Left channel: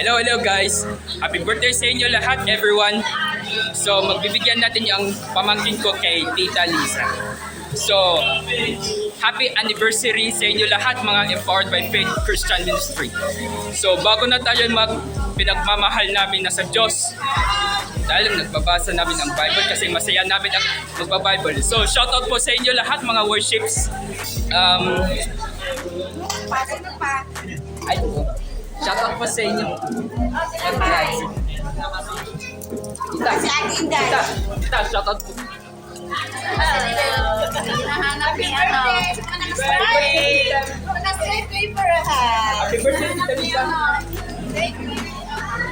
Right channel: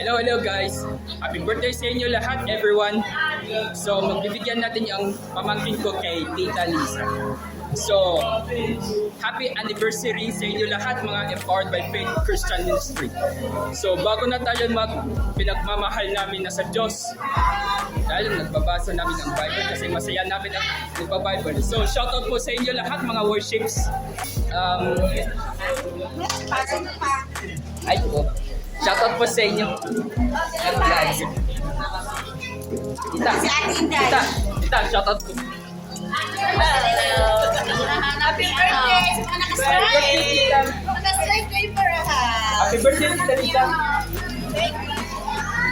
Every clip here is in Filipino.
Hello guys. Happy birthday sa inyo lahat, everyone. So, magbibigyan natin yung pamangkin ko kay Tita Lisa. So, happy anniversary sa inyo lahat, mga Empowered by Faith Christian Ministry. So, bago na tayo pinagmamahal namin na sa Diyos, dahil nagbabasa namin ang Bible kasi masaya namin ang magba-Bible. So, shoutout po sa inyo lahat, mga worships. Ay po. Shoutout po sa inyo. Tita, Si Ate Inday. Tita, shoutout po. Happy birthday! Naka-stripe paper ha. Happy birthday, Tita Lisa. Thank you.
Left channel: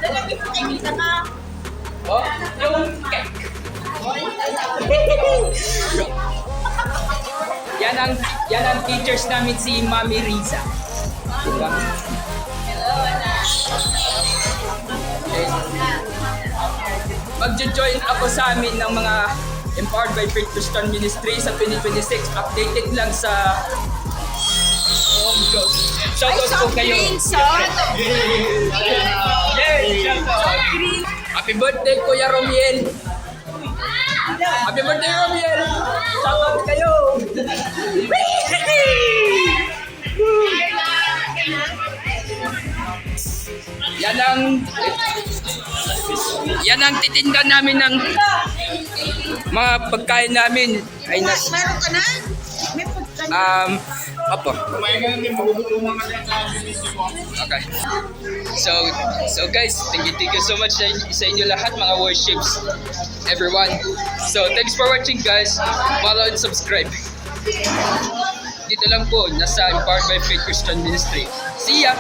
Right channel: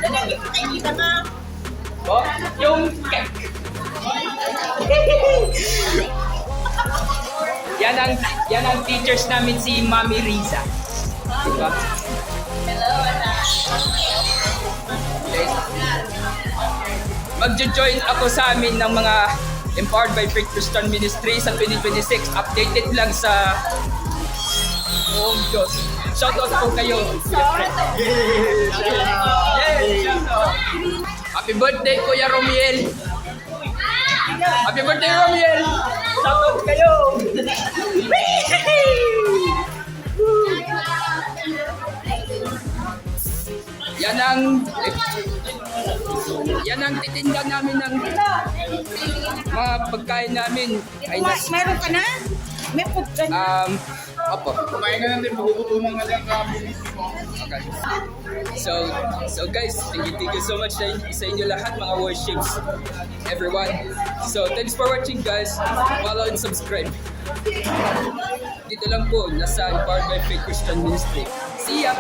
Nakikita ka. Oh, yung cake. Yan ang teachers namin, si Mami Risa. Diba? Hello, anak. Okay. Magjo-join ako sa amin ng mga Empowered by Faith Christian Ministry sa 2026. Updated lang sa Diyos. Shoutout po kayo. Yay! Shoutout! Happy birthday, Kuya Romiel! Happy birthday, Romiel! Shoutout kayo! Yan ang titinda namin ng mga pagkain namin ay Meron ka na? May food ka na? Opo. Kumain ka na din, magugutuman ka din sa bilis mo. Okay. So guys, thank you so much sa inyo lahat, mga worships, everyone. So thanks for watching, guys. Follow and subscribe. Dito lang po, nasa Empowered by Faith Christian Ministry. See ya!